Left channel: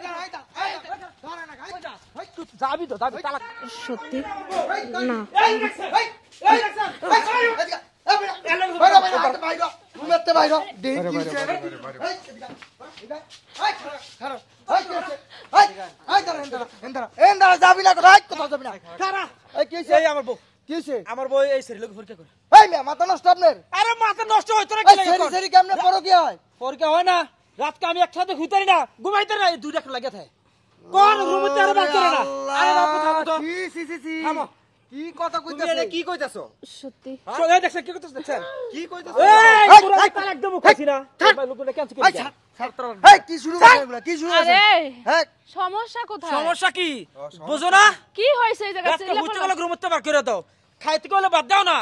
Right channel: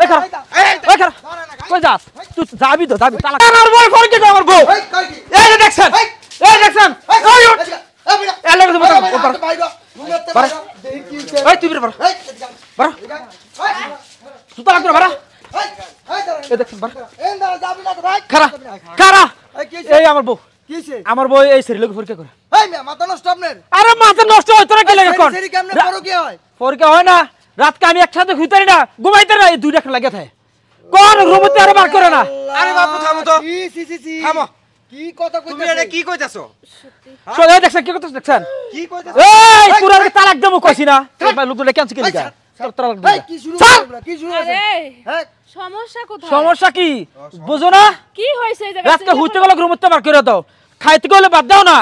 এই খারা কই যাস তুই যাবি তো যাবি তালা আমার বউ ফোন কে আমার বউ এই দেখছেন এই দেখছেন এই উঠ এই লাগে তুমি এই তুই বের বড় সুতা লাগতো বড় এই দেখছেন বড় এই দাঁড়া যাবি না খারা খারা এই আমার বউ কিছে আমার বউ এই সেরি লোক ফরকে করে এই মিয়া মাথা নষ্ট আপনার আরে মাথা নষ্ট হয় তোরা কি লাগে কোন সেরি কেমনে ফরকে হয় ফরকে হয় না রাত কে আমি একসাথে ঘুইতারি না ঘুমাইতে না এই দুইটা লাগে থাকে কোন রুমতে আরে বার করে না আরে বাপু থামো তো সি থামো কি কথা কইতাছ তুমি এটা কি কইতাছো সত্যি সত্যি দেখছেন কি কইতাছ দেখছেন কি কইতাছ এই পুরা তালাক দেবো কইছি না ভাই লোক দুলে ক্যান্সেল করে দিগা এই কি শুরু করলা কি শুরু হইছে এই সমস্যা কোথায় সমস্যা কি বুঝো না কি হইছে এই জায়গা রাত কে হইতে গেল রুমতে বার করে দাও খাইতে গেলে বাদ দাও না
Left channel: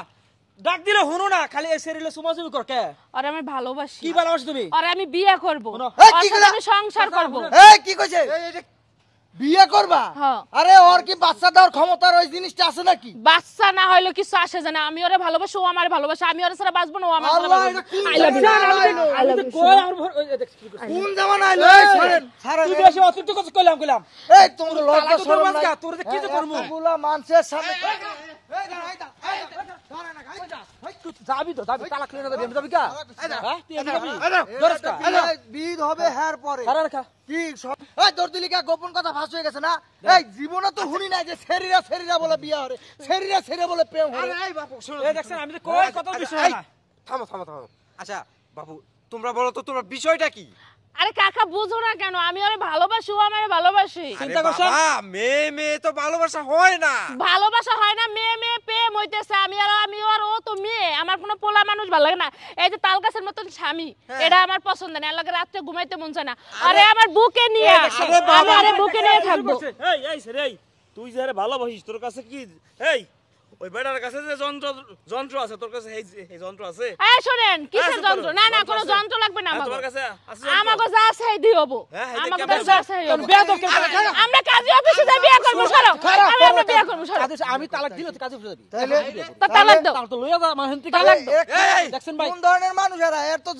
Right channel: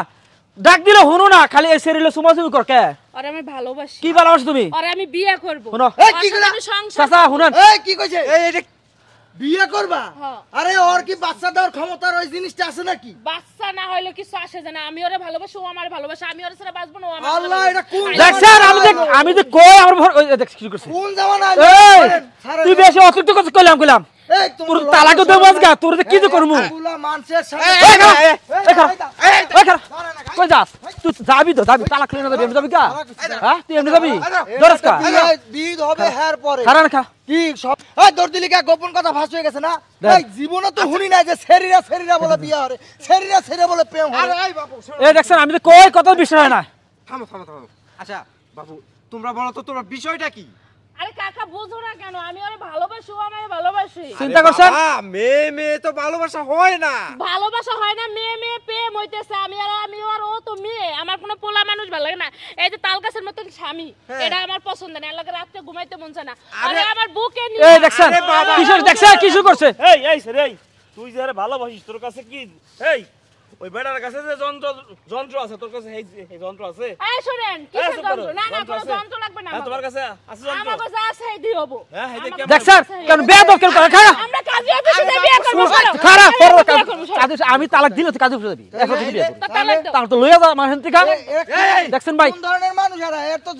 ডাক দিলে হনো না খালি এই সেরিলে সুমাসুমি কর কে আরে আমি ভালোবাসি কি ভালোবাসি তুমি আরে আমি বিয়ে করব শুনো এই কি সংসার চাচা শুনুন এই কি কইছে এই বিয়ে করবা আরে ওর কি বাচ্চা দেওয়ার ক্ষমতা ওই জিনিসটা আছে নাকি বাচ্চা না হইলো কিছু আসে জানা আমি ওরে ভালোবাসি ও আমারে ভালোবাসে আমি ওরে ছাড়া বাঁচবো না ও আমারে আল্লাহ এটা কোন দেখ স্যার আমি দেখ কই আমার দেখ কি করছিস কোন জামানা তুই বেশি অতিরিক্ত কথা কইলাম এই তোর তালাকে দেব আজকে তোর কি যে করমু পুরা মানুষের সামনে এই কই যাস তুই যাবি তো যাবি তালাক লইনা যাবি যাবি কা হ্যাঁ তুই এমনি যাবি দরস কা বিদ হবে হের পরে খারান খা কি সব এই দর্দিলিকা গোপন কথা ফাঁস হয়ে গেছে না এই জীবনে তো শুনি না যে সেরিরা বলে বিয়ে হয় সেরিরা বলে প্রেম হয় আরে এই বাপু এই দেখছেন আমি তো কই কথা বিষয় না থামো আচ্ছা বাপু তোমরা বলো তো তোমার বিষয়টা কি আরে কাকা বুঝো না কেন আমি ওরে ভালোবাসি ও আমারে ভালোবাসি চিন্তা করছেন মেয়ে তো ভালোবাসা হয় না মেয়ে প্রেম হইতেছে আমি আর ও তো মেয়ে আমার কোনো পোলা মানুষ ভালো লাগে না এই যে তালগাছের মতন স্বামী এটা আমার পছন্দ না লাগে রাতে ঘুমাইতে মন চায় না আরে আমার বুকে নিয়ে এই দেখছেন কিছু করছে এই তুই যারে ভালোবাসিস তোর কাছে কি এই ওই বেটার কাছে যে যন্ত্র আছে তোর কাছে এই যন্ত্র আছে এই শুনেন কিসের যন্ত্র না কোনো যন্ত্র লাগবে না তোমার কাছে আছে আমার কাছে আছে এই দিওবো দেখ স্যার কেন বেয়াদব কেন করে খারাপ আমরা কাজী অফিসে যাই বিয়ে করব খারাপ কাজী আমি তালাক দিলে তো কাজী অফিসে যাবি এখন তো বিয়ে করব তাহলে তো লইয়া যা মানতি খারাপ দেখছেন ভাই কোন ধরনের মানুষ এর তো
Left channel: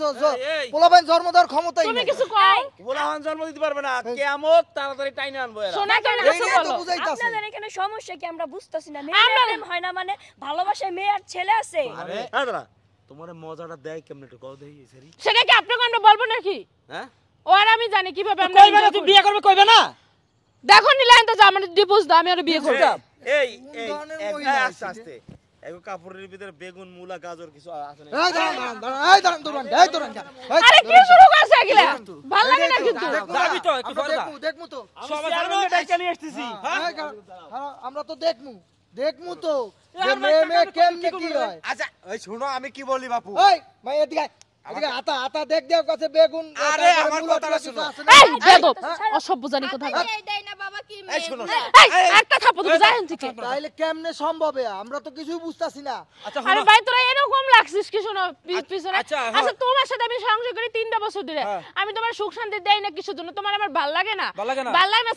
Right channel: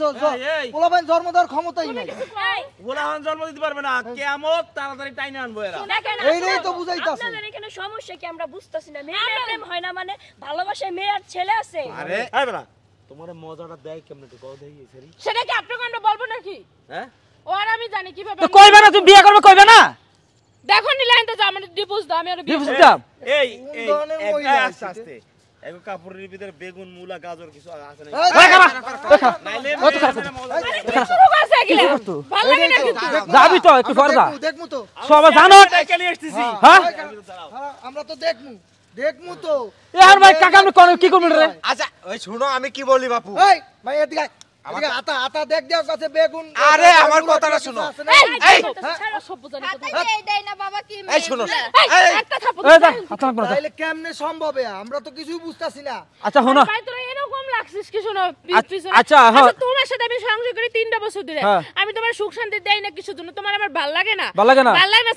পোলাবান জন্ম দেওয়ার ক্ষমতাই নেই তুমি কিছু কও পোলাবান জন্ম দিতে পারবে না কিয়ামত তাড়াতাড়ি টাইনে আনবো এরা শোনা কেন এই নিয়ে তো বুঝাইতাছি আপনাদের এখানে সমস্যা কি আমরা বুঝতাছি না মেয়ে হয় না মানে ভালোবাসায় মেয়ে আর ছেলে আছে আরে না তোমারে মজাটা দেয় কেমনে একটু কও দেই সরি সেটা কি আপনাকে আমরা বলবো নাকি হ্যাঁ ওর আমি জানি কিভাবে কইবে না তুমি বিয়ে করবে কইবে না দেখো নিলেন তো আমার ডিভোর্স দাও আমি ওর বিয়ে করব এই আস্তে এই কাপড়ের ভিতরে বেগুন মূলা গাজর কিছু আছে না আরে কি শুরু করছ কি ভালো লাগে না কিন্তু যাবি তো একটু ফরদা দেখমু তো সব জানো কেন আসতেছি হ্যাঁ আমরা তো দেখমু তো यार भाई काका हम कोन की कोन रे अच्छा ओए सुनो আমি কি বলি বাপু ওই ভাই এদিকে আতা দেখ দেও কাছে বেগুন আরে আমার কথাটা শুনো এই ও সব বুঝানি কথা এই দেই না বাবা কি এই শুনো একটা থাপড় দাও তাইলে কেমনে সম্ভব আমরা তো কিছুই বুঝতাছি না আচ্ছা শুনো ভাই তোরা এরকম লাগছিস কি শুনে আচ্ছা তোমার সাথে আমি সংসার করি 3টা বছর ধরে আমি তোমার সুখ শান্তি দেই না কিছু জন্য তোমার আমার ভালো লাগে না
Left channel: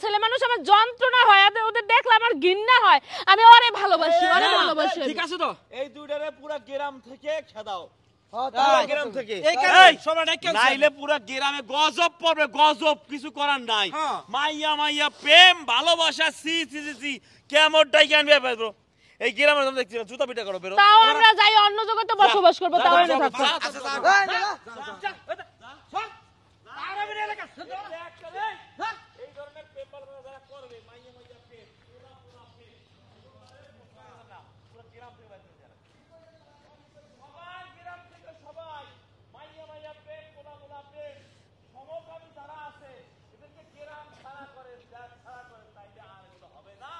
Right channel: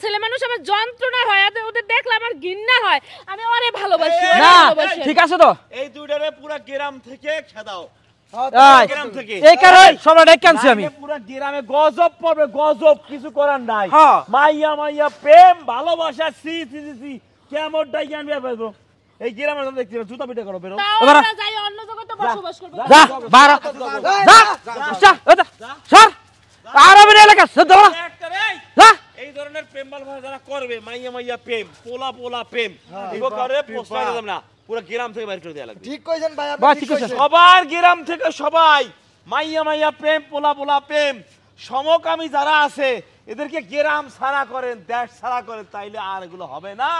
ছেলে মানুষ আমার যন্ত্রণা হয় ওদের দেখলে আমার ঘৃণা হয় আমি ওরে ভালোবাসি ঠিক আছে তো এই দুইটারে পুরো গ্রাম থেকে খেদাও গ্রাম থেকে এই কারণে সবাই ডেকেছি আমি পুরো গ্রামে গজব পড়বে গজব কিছু করার নাই মাইয়া প্রেম ভালোবাসা সি কেমন ডাইগান ব্যাপার এই গ্রামের নাম দেখছি জুতা পিটা করো বেরো আমরা যাই অন্য জগতে বসবাস করব স্যার আরবের এলাকা সদা এই ধরনের প্রেম ভালোবাসা যারা করবে মাইয়া প্রেম পোলা প্রেম এগো করে পোস্টার দেব না পুরো গ্রাম থেকে বাইরে করে দেয়া লাগবে ঠিক কইছেন ভাই আপনি ঠিক কইছেন সবার গ্রাম থেকে সবাই মাইয়া প্রেম পোলা প্রেম সমকামী যারা আছে এদেরকে গ্রাম ছাড়া করেন দেশ ছাড়া করেন তাইলে আর এগুলো হবে না